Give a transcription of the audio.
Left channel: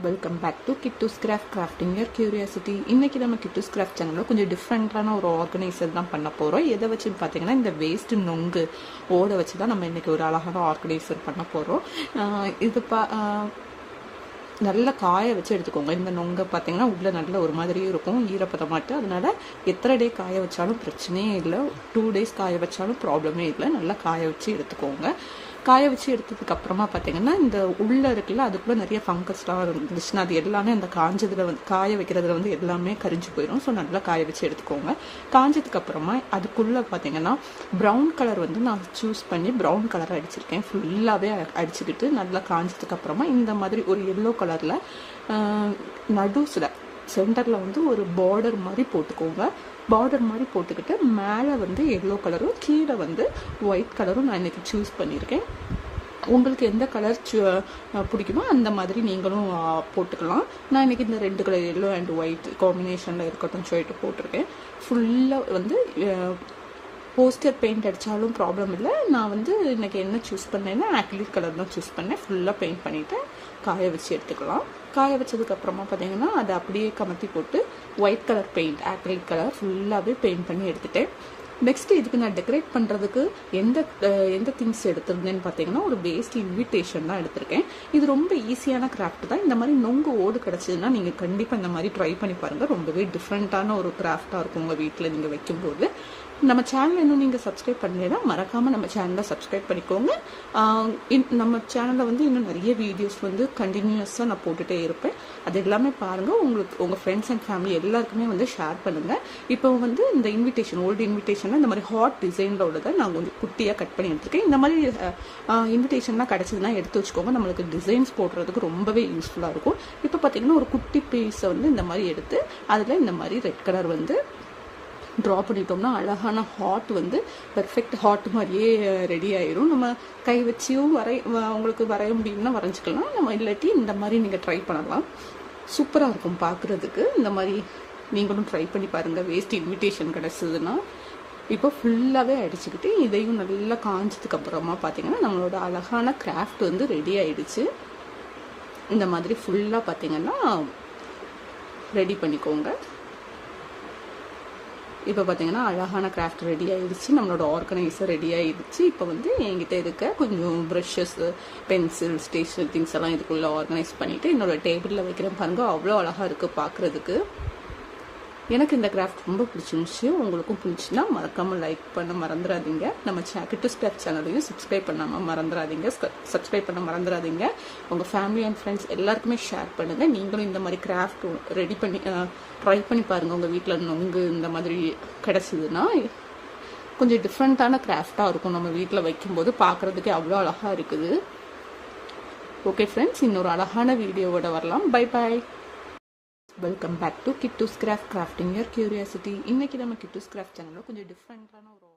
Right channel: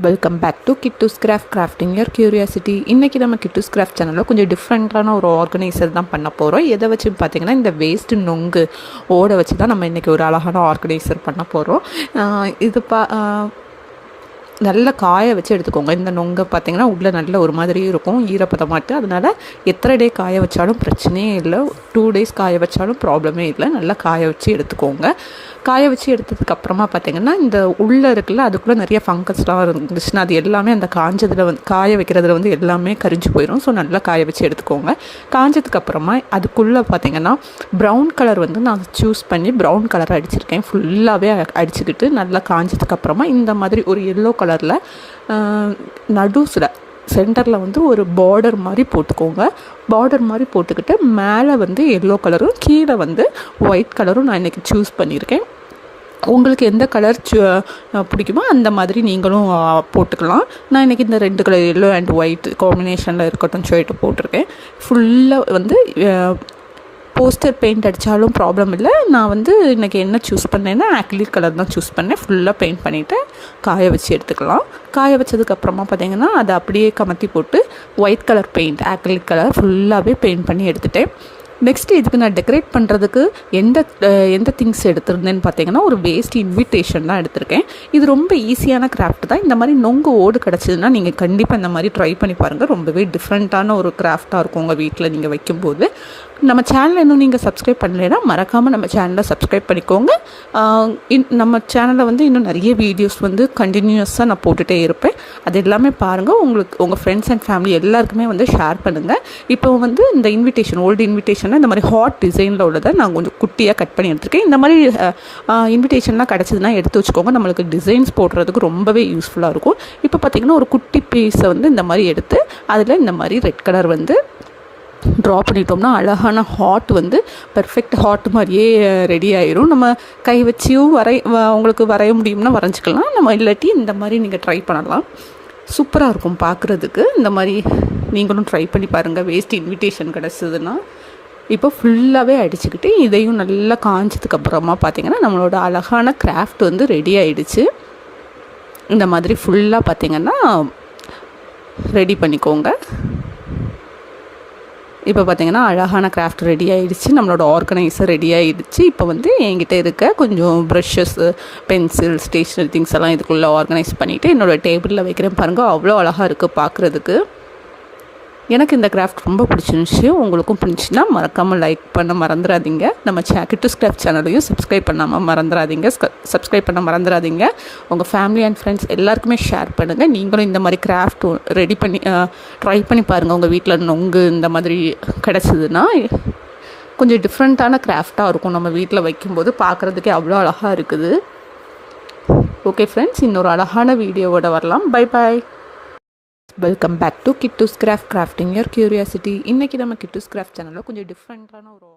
Welcome back to Kittoos craft crafting your curiosity இன்றைக்கி நம்ம Kittus craft சேனலில் கொஞ்சம் டிஃப்ரெண்ட்டான ஒரு ஆர்கனைசர் தான் பண்ண போகிறோம் எதை வச்சு பார்த்தீங்கன்னா இந்த வேஸ்ட்டு நொங்கு ஓட வச்சு தான் நம்ம இன்றைக்கி ஒரு அழகான ஆர்கனைசர் பண்ண போகிறோம் இது பா நல்ல நல்லா காய வச்சு எடுத்துக்கோங்க. இந்த நொங்கை பார்த்தீங்கன்னா உள்ளே நல்ல ஒரு மாதிரி இருக்கும். ஈரப்பதமாட்டு அதனால் எத்தனை டே காய வச்சாலும் பிரச்சனையே இல்லை. டூ டேஸ் காய வச்சாலும் ப்ராப்ளமே இல்லை. நல்லா காய வச்சு எடுத்துக்கோங்க. காய வச்சு எடுத்ததுக்கு அப்புறமா பார்த்தீங்கன்னா இந்த உள்ளே இருக்குல்ல அதுக்குள்ளே நிறைய ஃபங்கஸ்லாம் இருந்துச்சுன்னா அது எல்லாமே அந்த காஞ்சதில் வந்து காய வைக்கிறதுல வந்து எல்லாமே கரிஞ்சு போயிடும் ஸோ நல்லா காய வச்சு எடுத்துக்கோங்க. காஞ்சதுக்கு அப்புறமா அதுக்குள்ளே பார்த்தீங்கன்னா ப்ரௌன் கலர் வந்து நான் சூஸ் பண்ணி ப்ரௌன் கலர் அடிச்சிருக்கேன். ஃபுல்லாகவே அடிச்சுக்கிட்டு நல்லா காஞ்சதுக்கு அப்புறமா இந்த மாதிரி ஒரு எல்லோ கலரில் நடுஸில் சென்டரில் வந்து ஒரு பார்டர் மாதிரி போட்டுக்கோங்க. பார்டர் மாதிரி போட்டுக்கிட்டு மேலே வந்து எல்லோ கலரும் கீழே வந்து ஒயிட் கலரும் நான் இன்றைக்கி சூஸ் பண்ணியிருக்கேன். உங்களுக்கு எந்த கலர் பிடிக்குமோ அந்த மாதிரி நீங்களும் போட்டுக்கலாம். நான் இன்றைக்கி இந்த ரெண்டு கலர் எல்லோ அண்ட் ஒயிட் காம்பினேஷனில் இருக்கட்டும் சொல்லிட்டு போட்டிருக்கேன். ஃபுல்லாக வந்து போஸ்டர் பெயிண்ட் அடித்தாலும் ப்ராப்ளம் இல்லை. நான் வந்து இன்றைக்கி என்ன சூஸ் பண்ணேன்னா ஆக்லிக் கலர் தான் சூஸ் பண்ணேன். ஃபுல்லாக பெயிண்ட் பண்ணிவிட்டு காய வச்சு எடுத்துக்கலாம். காய வச்சதுக்கப்புறமா பார்த்தீங்கன்னா அதை அப்படியே கமத்தி போட்டு white colour paint acrylic colour ஃபுல்லாகவே பெயிண்ட் பண்ணி எடுத்துட்டேன். நெக்ஸ்ட் இதுக்கு நான் டெக்கரேட் பண்ணுறதுக்கு எந்த எந்த திங்ஸ் எடுத்திருந்தேன்னு பார்த்தீங்கன்னா ஒரு வேஸ்ட் இன்விடேஷன் தான் எடுத்திருக்கேன். இது ரொம்ப ஈஸியான கிராஃப்ட் தான். இந்த மாதிரி நொங்கு ஓடு கிடச்சிதுன்னா நீங்கள் கண்டிப்பாக இந்த மாதிரி ட்ரை பண்ணி பாருங்கள் ரொம்பவே டிஃப்ரெண்ட்டான ஒரு கிராஃப்டாக இருக்கும் உங்கள் வீட்டில் நீங்கள் வைக்கும்போது. நம்ம சேனலை இன்னும் நீங்கள் சப்ஸ்கிரைப் பண்ணலைன்னா மறக்காமல் நம்ம சேனலை சப்ஸ்கிரைப் பண்ணிக்கோங்க. இன் நம்ம சேனலில் வந்து இன்னும் நிறைய வீடியோஸ் வந்து கண்டினியூஸாக நான் போட்டுகிட்டே இருப்பேன். அது எல்லாமே பாருங்கள் உங்களுக்கு உங்கள் ஃப்ரெண்ட்ஸ் அண்ட் ஃபேமிலி எல்லாருக்குமே வந்து ஷேர் பண்ணுங்கள் இப்போ வந்து இந்த இன்விடேஷன் ஓல்டு இன்விடேஷனில் இந்த மாதிரி ஹாட் டிசைனில் உள்ளதை நான் கொஞ்சம் குட்டியாக கட் பண்ணி எடுத்துருக்கேன். இந்த மாதிரி இன்விடேஷன்லாம் கிடச்சதுன்னா எடுத்து வச்சுக்கோங்க. நம்மளுக்கு டிசைன்ஸ் போடுறதுக்கு ரொம்பவே யூஸ்ஃபுல்லாக இருக்கும். இப்போ பார்த்தீங்கன்னா ஒரு குட்டி பீஸை வந்து இந்த மாதிரி எடுத்து அதில் இந்த மாதிரி ரெட் கலர் வந்து ட்ரா பண்ணிட்டோம்னா அழகான ஹாட் வந்து பெர்ஃபெக்ட் ஹாட் மாதிரியே ரெடி ஆயிரும். நம்ம கை வச்சியும் வரை வ- உங்களுக்கு வரைய முடியும்னா வரைஞ்சிக்கலாம். நம்ம இல்லாட்டி இந்த மாதிரி நீங்கள் ட்ரை பண்ணலாம். சூப்பராக இருக்கும் பார்க்குறதுக்கு இந்த மாதிரி நீங்களும் ட்ரை பண்ணி பாருங்கள் வேஸ்ட் இன்விடேஷன் கிடச்சிதுன்னா. இப்போ ஃபுல்லாகவே அடிச்சுக்கிட்டு இதையும் நல்லா காஞ்சதுக்கு அப்புறமா பார்த்தீங்கன்னா நம்மளோட அழகான கிராஃப்ட் வந்து ரெடி ஆயிடுச்சு. இந்த மாதிரி ஃபுல்லாக பார்த்திங்கன்னா ரெடி பண்ணிக்கோங்க. இப்போ பார்த்தீங்கன்னா அழகான கிராஃப்ட் ரெடி ஆகிடுச்சு நம்மளோட ஆர்கனைசர் ரெடி ஆகிடுச்சு இப்போ வந்து என்கிட்ட இருக்க கொஞ்சம் ப்ரஷஸ்ஸு பென்சில் ஸ்டேஷ்னரி திங்ஸ் எல்லாம் இதுக்குள்ளே ஆர்கனைஸ் பண்ணிவிட்டு என்னோடய டேபிளில் வைக்கிறேன் பாருங்கள் அவ்வளோ அழகாக இருக்குது பார்க்குறதுக்கு. எனக்கு இந்த கிராஃப்ட் ரொம்ப பிடிச்சிருந்துச்சு. உங்களுக்கும் பிடிச்சின்னா மறக்காமல் லைக் பண்ண மறந்துடாதீங்க நம்ம சே கிட்டூஸ் சேனலையும் சப்ஸ்கிரைப் பண்ணாமல் மறந்துடாதீங்க சப்ஸ்கிரைப் பண்ண மறந்துடாதீங்க உங்கள் ஃபேமிலி அண்ட் ஃப்ரெண்ட்ஸ் எல்லாருக்குமே ஷேர் பண்ணுங்கள் நீங்களும் இந்த மாதிரி கிராஃப்ட் ரெடி பண்ணி ட்ரை பண்ணி பாருங்கள் உங்கள் வீட்டில் நொங்கு இந்த மாதிரி கிடச்சிதுன்னா கொஞ்சம் டிஃப்ரெண்ட்டான கிராஃப்டாக இருக்கும். நம்ம வீட்டில் வைக்கும்போது பார்க்குறதுக்கே அவ்வளோ அழகாக இருக்குது. ஓகே ஃப்ரெண்ட்ஸ் இன்னொரு அழகான வீடியோவோட வரலாம். Bye bye welcome back to Kittoos craft crafting your curiosity இன்றைக்கி நம்ம கிட்டூஸ் கிராஃப்ட் சேனலில் கொஞ்சம் டிஃப்ரெண்ட்டான ஒரு